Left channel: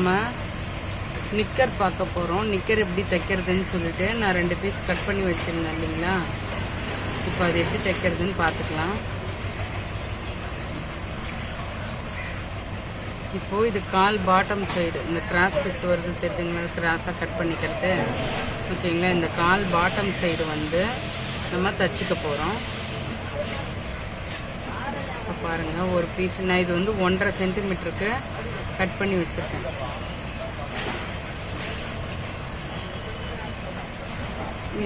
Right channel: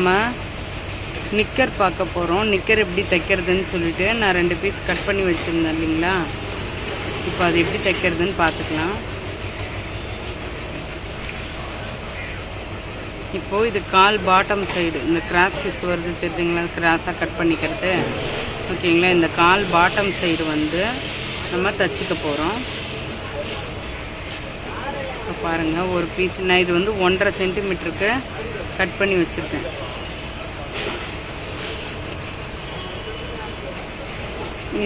நம்ம நிக்கர் பார்க்க போகிறோம். நிக்கர் எப்படி தைக்கிறதுன்னு சொல்லிட்டு நான் 2 பீஸ் கட் பண்ணி வச்சுருந்தேன் இல்லைங்களா. இப்போ அது எப்படி தைக்கிறதுன்னு பார்த்துக்கலாம். இப்போது இது கால் பாட்டம் சைடு இந்த கிராஸ் பீஸ் வருது தெரியுங்களா, கிராஸாக கட் பண்ணிக்கிறது. ஓகேங்களா, இந்த கால் பாட்டம் சைடு வந்து நம்ம தைச்சிக்க போகிறோம். இப்போ பாருங்கள், ஒரு பீஸ் நான் இது வந்து 1.5 சென்டிமீட்டருக்கு கட் பண்ணி வச்சுருக்கேன்.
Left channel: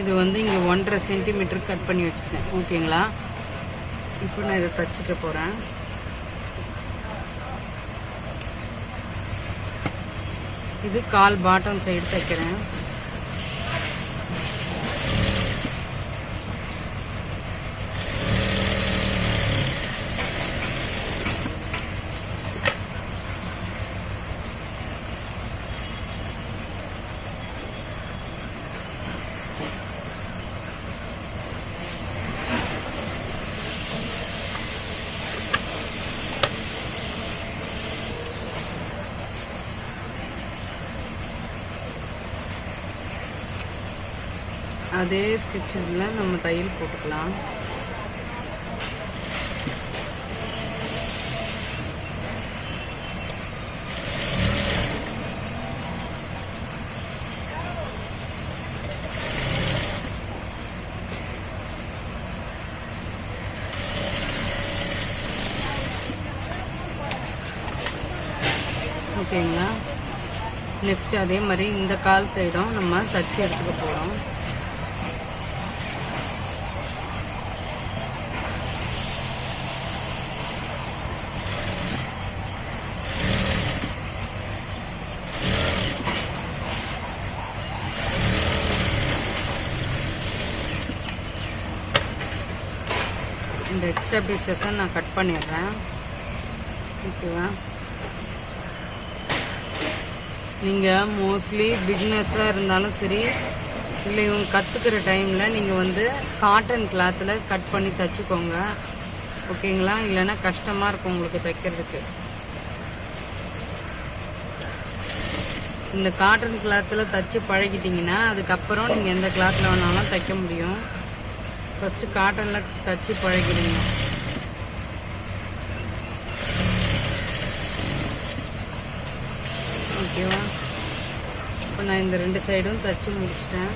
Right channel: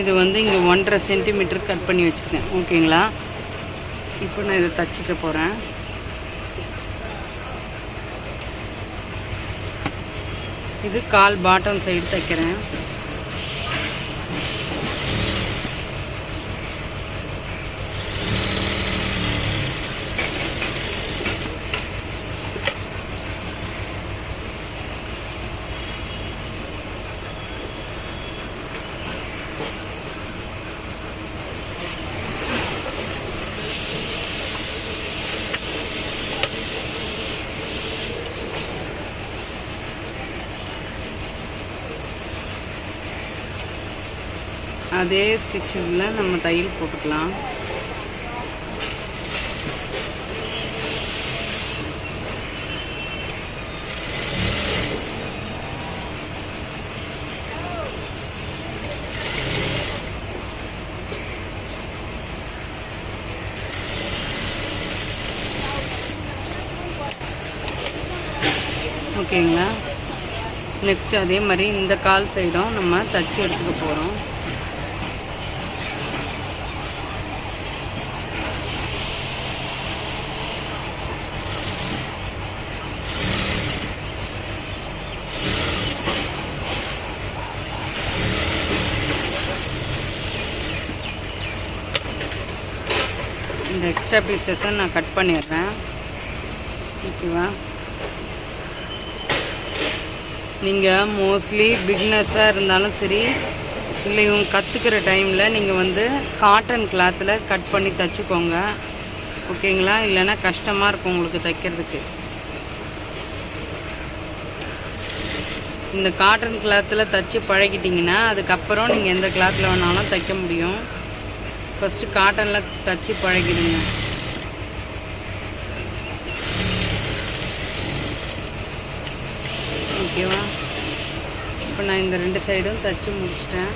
இது வந்து இங்கே 1.5 சென்டிமீட்டருக்கு கட் பண்ணி வச்சுருக்கேன். ஓகேங்களா, இப்போ நான் இதை தைச்சிக்க போகிறேன். இது கால் பாட்டம் சைடு தைக்கிறேன். அதே ஸ்டிச்சில் நம்ம தையல் போட்டுக்கலாம். ஓகேங்களா, நெக்ஸ்ட் அதே மாதிரி இந்த கால் சைடும் நம்ம தச்சு எடுத்துக்க போகிறோம். இந்த எக்ஸ்ட்ரா பீசஸை நான் கட் பண்ணிடுறேன். ஓகேவா, நீங்கள் மோஸ்ட்லி பிகினர்ஸாக இருந்தாலும் சரி, இல்லை இவங்க கற்றுக்கிற டைமில் நீங்கள் வந்து காட்டன் கிளாத்தில் கட் பண்ணி தைச்சிக்கோங்க. ஓகேங்களா, இல்லைன்னா கஷ்டமாக இருக்கும் உங்களுக்கு தைக்கிறதுக்கு. இந்த காட்டன் கிளாத்தில் தைச்சி பழகிட்டிங்கன்னா அதுக்கப்புறம் நீங்கள் எந்த கிளாத்தில் வேணாலும் தைக்க முடியும். ஃபஸ்ட்டு காட்டனில் தச்சு பழகிடுங்க. ஓகேவா, இப்போ நான் இந்த 2 சைடும் தச்சு முடிச்சிட்டேன்.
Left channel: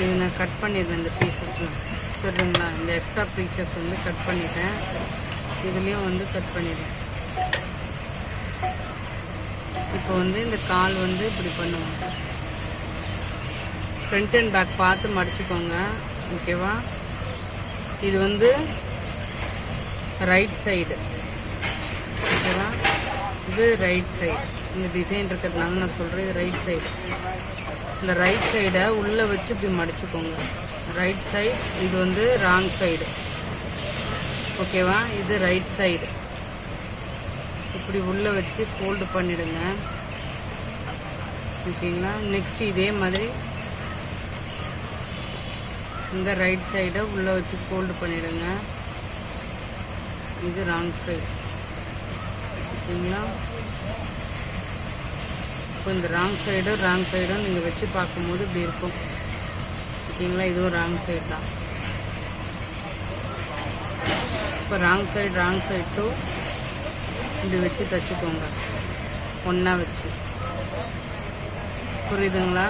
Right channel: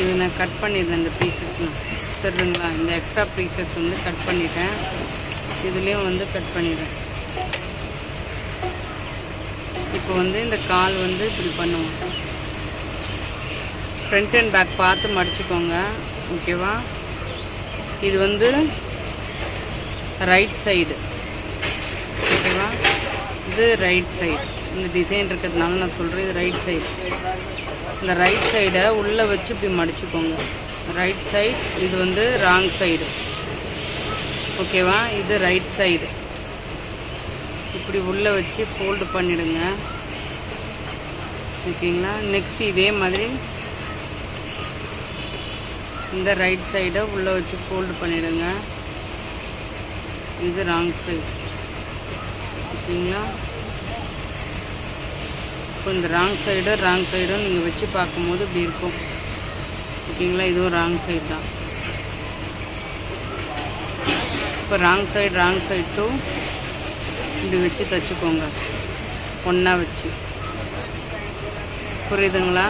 இது நான் கட் பண்ணிடுறேன். இந்த பீசஸ்லாம் தெரியுங்களா, இந்த எக்ஸ்ட்ரா பீசஸ் வந்து கட் பண்ணிட்டேன். இதுலேயும் வந்து கட் பண்ணிடுறேன். இப்போ வந்து இந்த கால் வந்து இப்படி பண்ணுவோம். ஃப்ரண்ட் அண்ட் பேக் பார்த்து மடிச்சுக்கோங்க. ஓகேவா, இது வந்து ரைட் சைடு. ஓகேவா, இது ரைட் சைடு. இந்த டிசைன் இருக்கிறதுனால நான் சொல்கிறேன், இது ரைட் சைடு. இந்த ரைட் சைடை உள்ளே வச்சு இப்படி மடிச்சுக்கோங்க. ரைட் சைடு, இது வந்து ராங் சைடு. ஓகேவா, இது ரைட் சைடு. இப்படி உள்ளே வச்சு ஃபோல்டு பண்ணிடுங்க. ஓகேங்களா, நெக்ஸ்ட் இதே மாதிரி இந்த ரைட் சைடை உள்ளே வச்சு ஃபோல்டு பண்ணிடுங்க. இது ராங் சைடு. ஓகேங்களா, இப்போ இந்த ராங் சைடும் நீங்கள் வச்சு பார்க்கும்போது இப்படி இருக்கும். ஓகேங்களா, இதுவும் ராங் சைடு தான். இப்போ ராங் சைடு டூ இப்படி வச்சு தைச்சிக்கோங்க, ஒன்றா வச்சு. புரியுதுங்களா?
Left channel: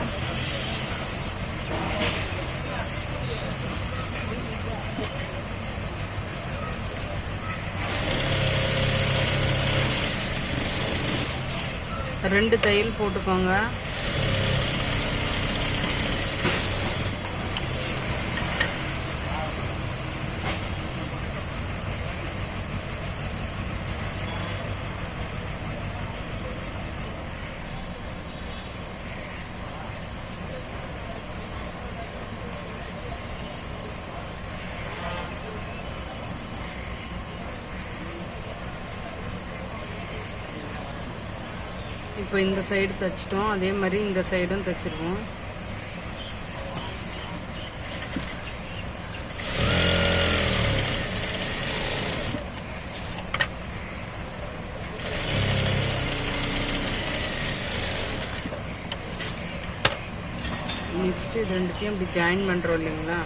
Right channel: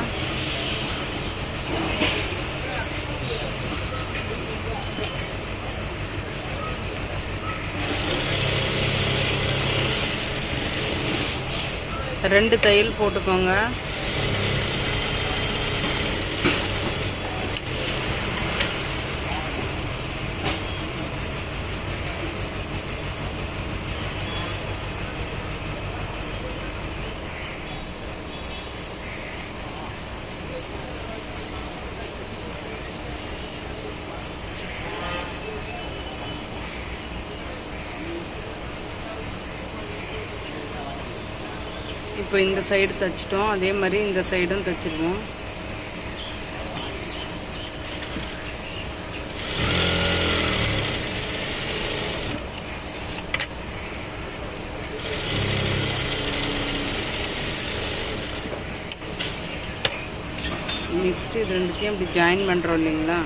ரெண்டு தையல் போட்டுக்கோங்க. இப்போ இந்த சைடு தைச்சிட்டோம், அதே மாதிரி இந்த சைடும் தைச்சிருவோம். நெக்ஸ்ட்டு இது ரெண்டுத்தையும் இப்படி ஜாயின் பண்ணுறோம் இல்லைங்களா?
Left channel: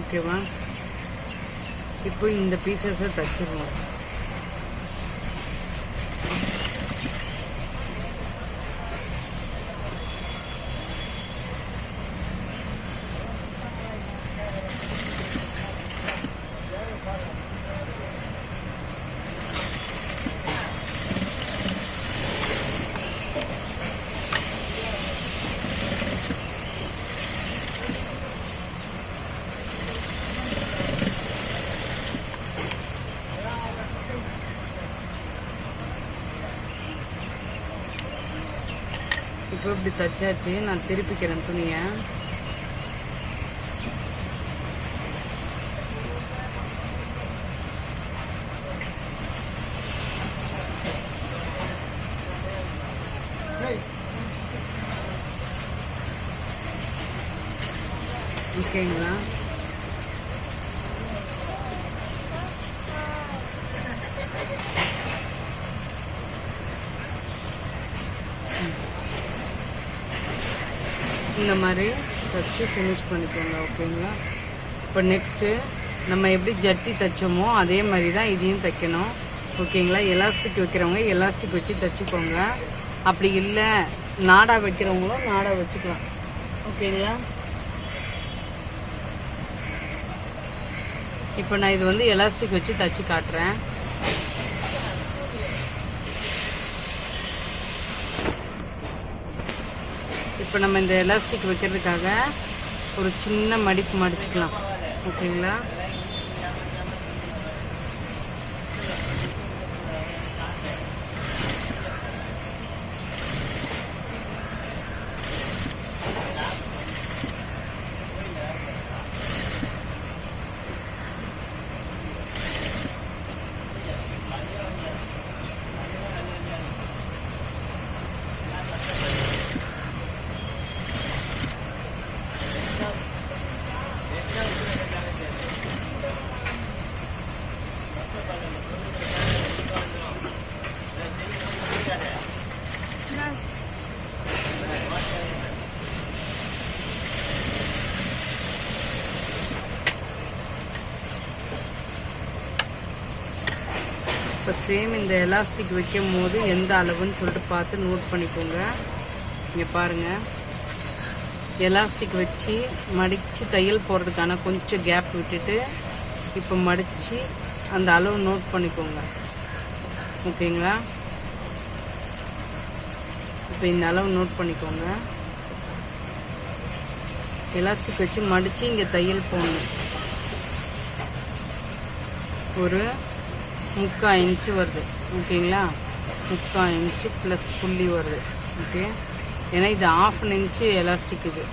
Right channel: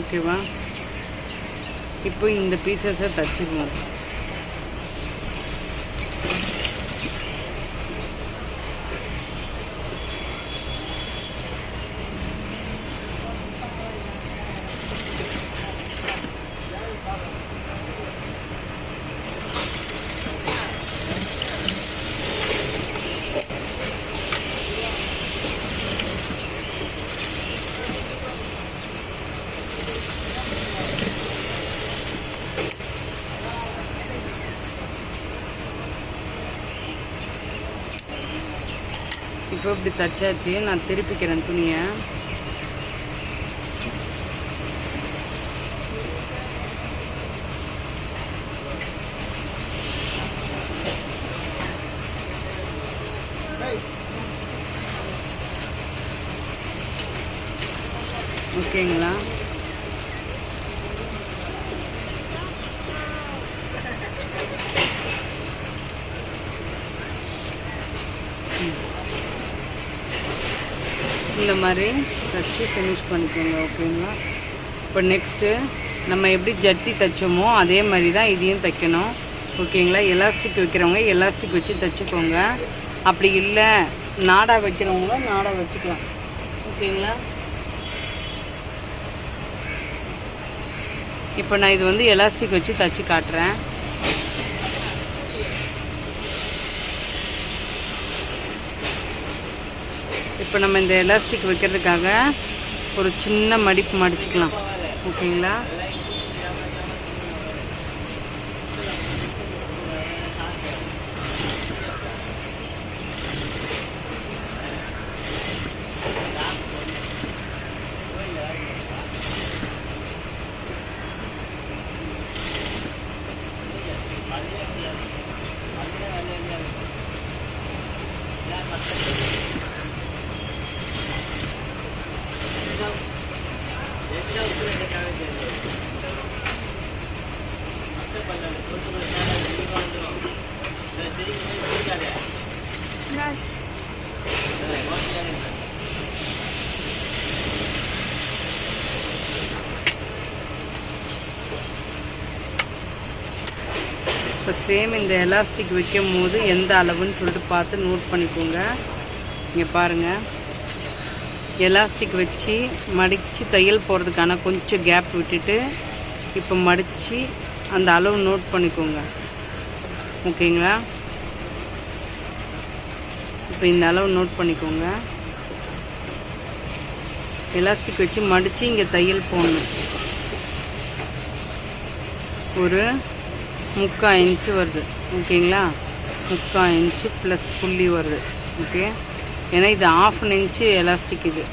ஓகேவா? இப்போ இந்த பீசஸை தச்சுக்கணும். இப்போ இப்படி தச்சாச்சு. நான் திருப்பிக்கிறேன் துணியை. ஓகேங்களா? இந்த மாதிரி தச்சு ஃபினிஷ் பண்ணிக்கோங்க. ஓகேங்களா? இப்போ நெக்ஸ்ட்டு நம்ம எப்படி ஜட்டி தைச்சோமோ அதே மாதிரி தான் இதையும் தைக்கணும். ஓகேங்களா? எலாஸ்டிக் வைக்கிறவங்க எலாஸ்டிக் வச்சு தைச்சிக்கோங்க. அப்படி இல்லை நாடா வைக்கிறவங்களும் நாடா வச்சுக்கலாம். ஓகேங்களா? இப்போ நான் இது வந்து எலாஸ்டிக் வச்சு தைச்சி காட்டுறேன். இப்போ நம்ம இந்த எலாஸ்டிக் வைக்கிறதுக்காக ஒரு சின்ன மடிப்பு மடிச்சுக்கலாம். ஓகேங்களா? இப்போ சேம் இந்த எலாஸ்டிக் வைக்கும் போது எந்த அளவுன்னு சொல்லிட்டு பார்த்து நோட் பண்ணிக்கோங்க. இங்கே பாருங்கள், எலாஸ்டிக் வச்சு மடித்து தையல் போகிறதுக்கான கொஞ்சம் கேப் விட்டுட்டு இப்போ மடித்து அந்த அளவு நோட் பண்ணிக்கோங்க. ஓகேங்களா? இப்போ இந்த அளவு நோட் பண்ணிக்கோங்க. எலாஸ்டிக் வச்சு மடித்து இங்கே தையல் போடணும். ஒரு 3/4 இன்ச்சு வருது. ஓகேங்களா? 3/4 இன்ச்சு ப்ளஸ் புள்ளி வருது. ஓகே, ஏன்னா இது 1/2 இன்ச்சு எலாஸ்டிக் இது.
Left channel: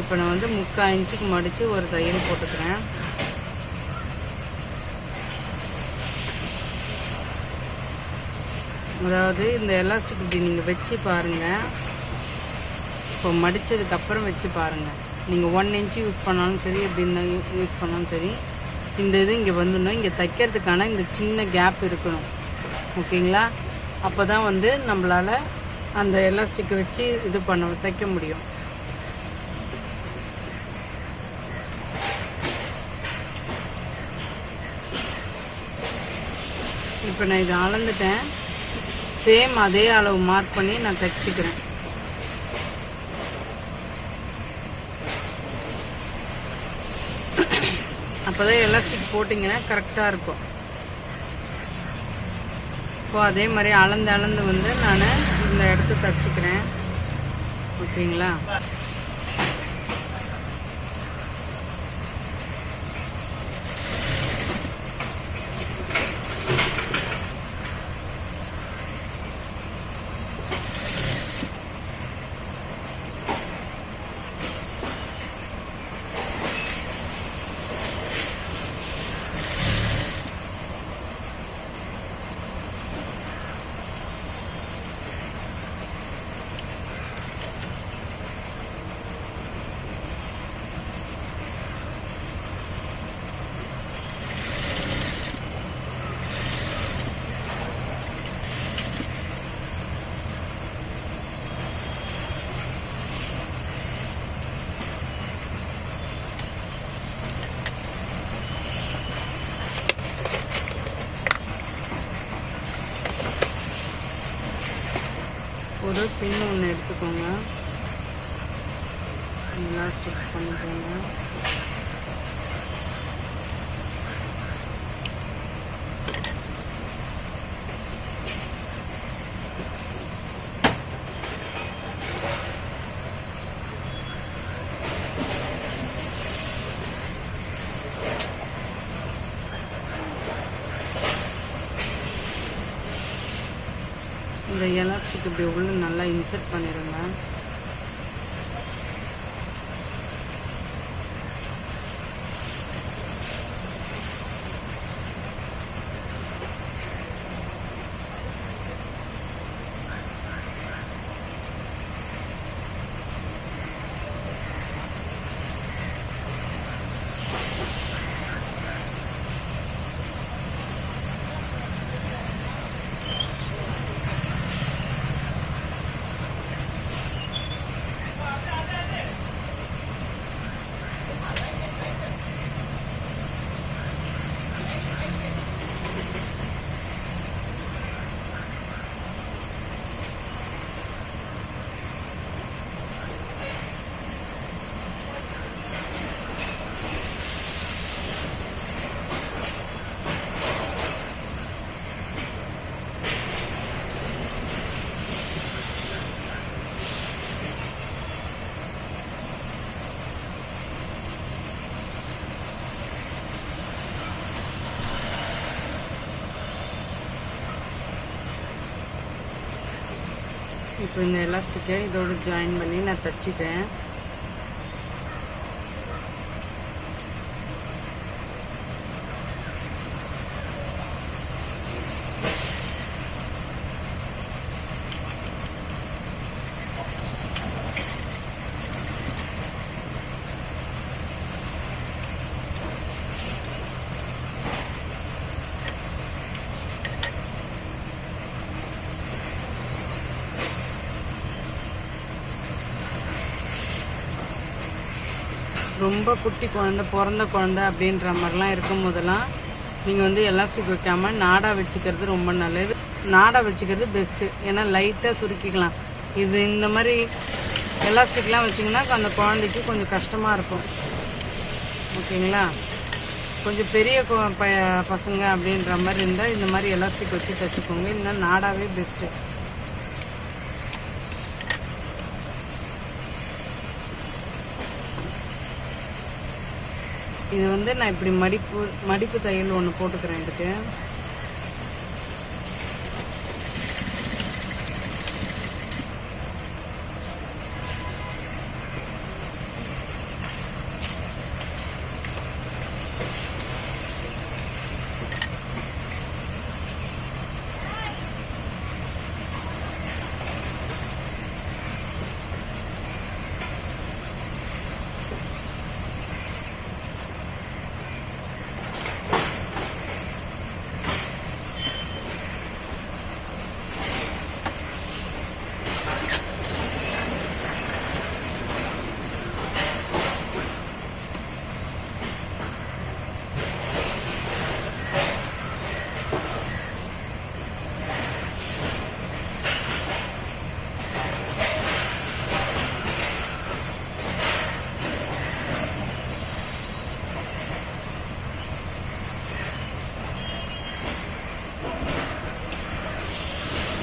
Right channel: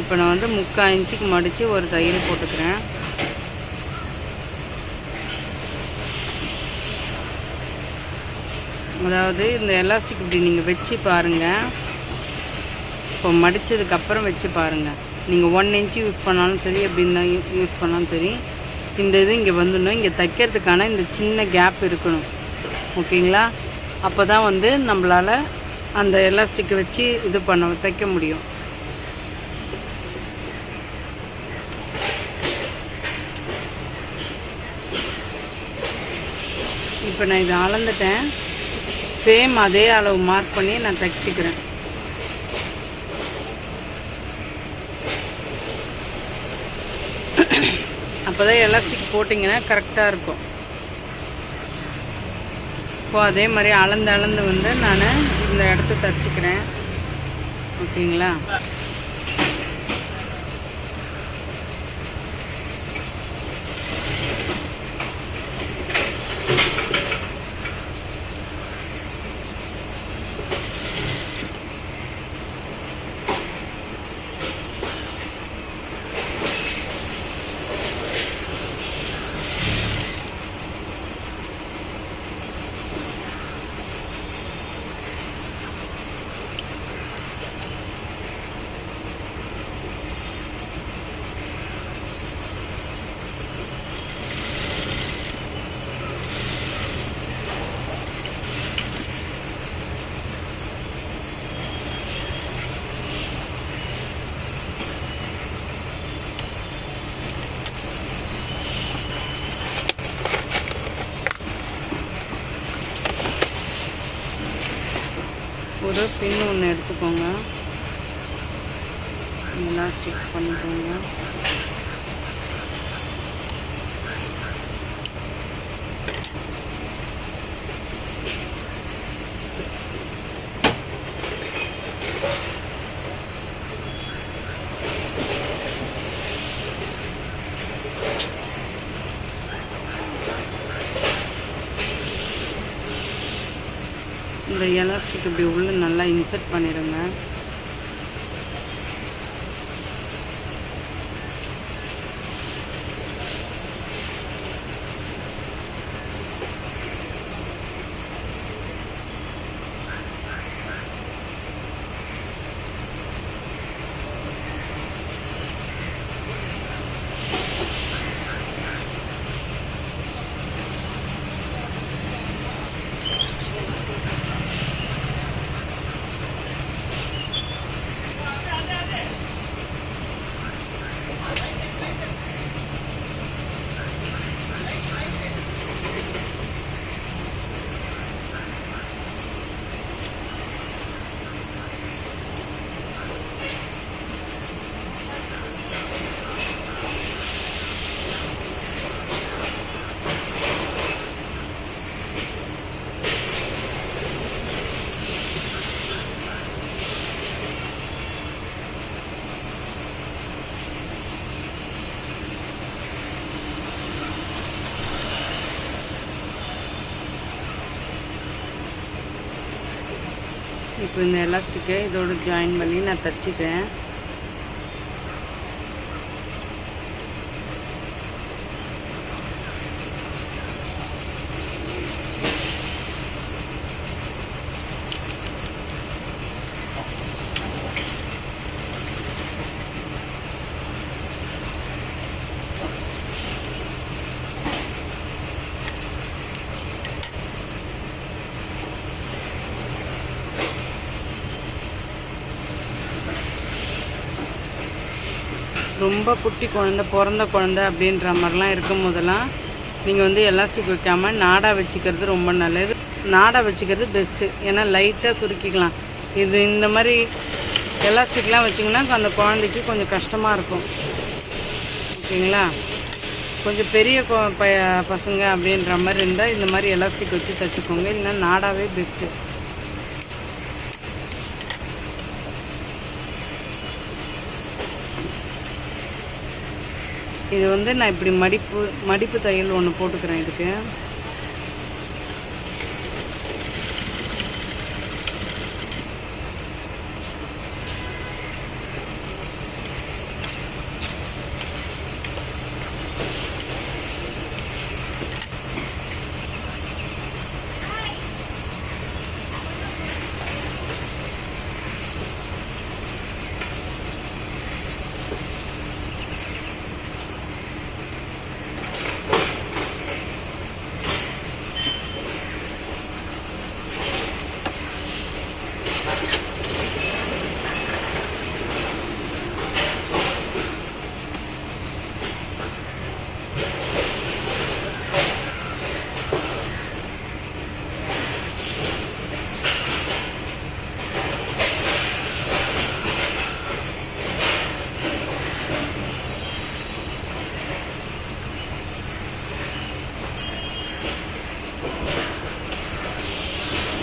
இப்போ நான் வந்து 3/4 இன்ச்சுக்கு மடித்து ஒரு தையல் போட்டுக்கிறேன். அதாவது இந்த எலாஸ்டிக் இப்படி நீங்கள் வச்சு பாருங்கள். இப்போ மடித்ததுக்கப்புறம் வச்சு பாருங்கள். நீங்கள் 1 இன்ச்சு யூஸ் பண்ணாலும் சரி, எப்படி இருந்தால் யூஸ் பண்ணாலும் சரி, இந்த இது இங்கே வந்துடணும். இங்கே தைக்கிறதுக்கான இந்த சின்ன கேப் இருக்கணும். ஓகேங்களா? அப்போ தான் வந்து நம்மளால் அந்த எலாஸ்டிக்கை வச்சு இது தைக்க முடியும். இப்போ நான் இதை அளந்துட்டேன். சேம் அதே அளவு மார்க் பண்ணி நான் தைச்சிக்கிறேன். அப்போ தான் எலாஸ்டிக் போட்டிங்கன்னா கரெக்டாக இருக்கும். இப்போ அதே மாதிரி அளந்து வந்து நான் இந்த இடத்த தைச்சிக்கிறேன். ஓகேங்களா? ஒரு பின் ஒன்று எடுத்துக்கோங்க, எலாஸ்டிக் பண்ணிக்கோங்க. இந்த எலாஸ்டிக் இப்படி உள்ள நல்லா இன்சர்ட் பண்ணிடுங்க. இப்போ இந்த எலாஸ்டிக்கை இதோடு ஜாயின் பண்ணி நான் தச்சுக்கிறேன். ரொம்ப குட்டி குழந்த, பிறந்த குழந்த அப்படின்ற மாதிரிலாம் இருக்கும் போதெல்லாம் நீங்கள் வந்து எலாஸ்டிக் வைக்காமல் நாடா வச்சுக்கிறது ரொம்ப நல்லது. நாடா வச்சுக்கிறது பெஸ்ட்டு, ஏன்னா லைட்டாக சுருக்கிக்கலாம். இது இந்த மாதிரி எலாஸ்டிக்லாம் வச்சிங்கன்னா அந்த குழந்தைக்கு கொஞ்சம் கஷ்டமாக இருக்கும். ஓகேங்களா? கொஞ்சம் பெரிய பசங்க அப்படின்ற மாதிரி இருந்தால் இந்த மாதிரி எலாஸ்டிக் வச்சு தைச்சிக்கோங்க, இல்லைன்னா நாடாவே பெஸ்ட்டு. இது வந்து நான் இப்படி மடிப்பு தையல் ஒன்று போட்டுக்கிறேன் இதுக்கு.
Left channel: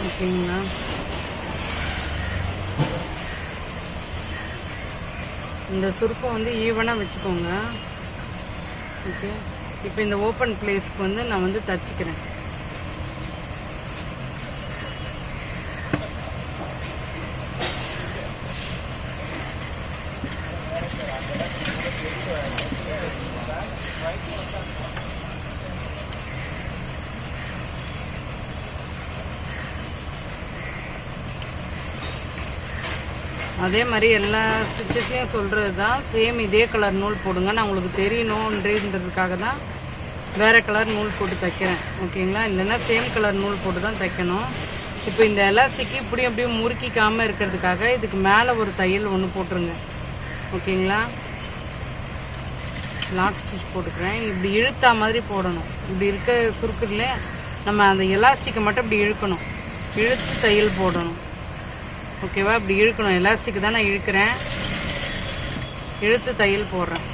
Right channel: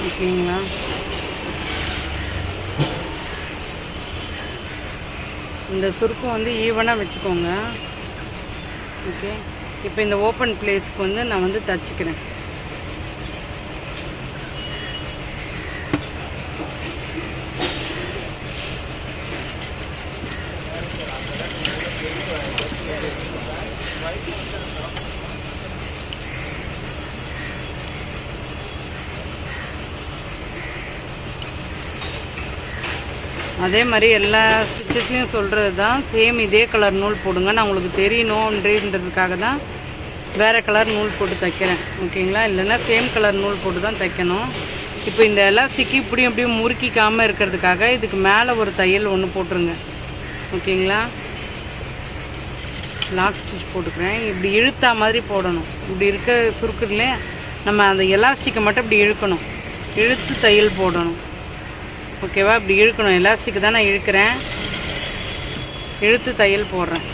ஓகேங்களா? இந்த சுருக்கம் வந்து ஈவனாக வச்சுக்கோங்க. ஓகே, இப்போ இந்த ஓப்பன் பிளேஸ்க்கு வந்து நான் வந்து தச்சுக்கிறேன். அதே மாதிரி எல்லா ஸ்டிச்சஸ்லையும் சொல்கிறது தான், சேம் இதே கலர் நூல் போடுங்க. நான் உங்களுக்கு தெரியணுன்றதுக்காக தான் வேறு கலர் நூல் போட்டு தைக்கிறேன். ஓகேங்களா? இல்லைன்னா சேம் கலர் நூல் போட்டு தான் தைக்கணும். இப்போ இந்த எலாஸ்டிக்கு இப்படியும் அப்படியும் முறுக்கிக்காமல் இருக்கிறதுக்காக இதுக்கு மேலே ஒரு தையல் ஒன்று போட்டுருங்க. ஓகேங்களா? லாக் ஸ்டிச் போட்டுக்கிறேன். இப்படி இழுத்தா மாதிரி போடணும். இப்படி இருக்க சுருக்குதுலே நம்ம அந்த எலாஸ்டிக்கை மட்டும் இப்படி இழுக்கணும், இழுத்து தையல் போடணும். ஓகேவா? இப்படி இழுக்கணும். எலாஸ்டிக் தான் நான் இழுக்கிறேன். இழுத்து தையல் போடுறேன்.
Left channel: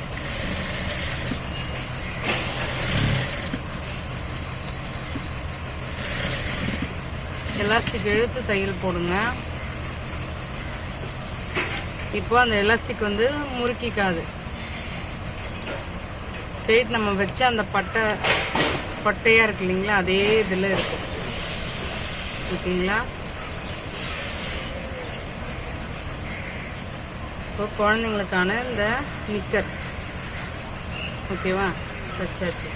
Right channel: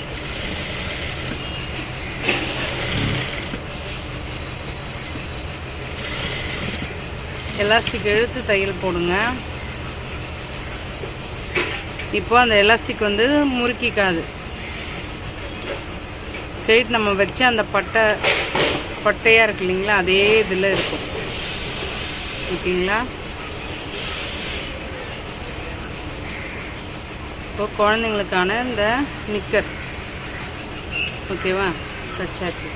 எலாஸ்டிக் இழுத்து தையல் போடுங்க. இப்போ அந்த எலாஸ்டிக் வந்து முறுக்கிக்காது. ஸ்ட்ரெயிட் நம்ம வச்சு அந்த பட்டையாக இருக்கு இல்லைங்களா, அதே இதில் இருக்கும். ஓகேங்களா? இப்போ குழந்தைங்களுக்கான இந்த நிக்கர் ஓகேவா, தச்சாச்சு.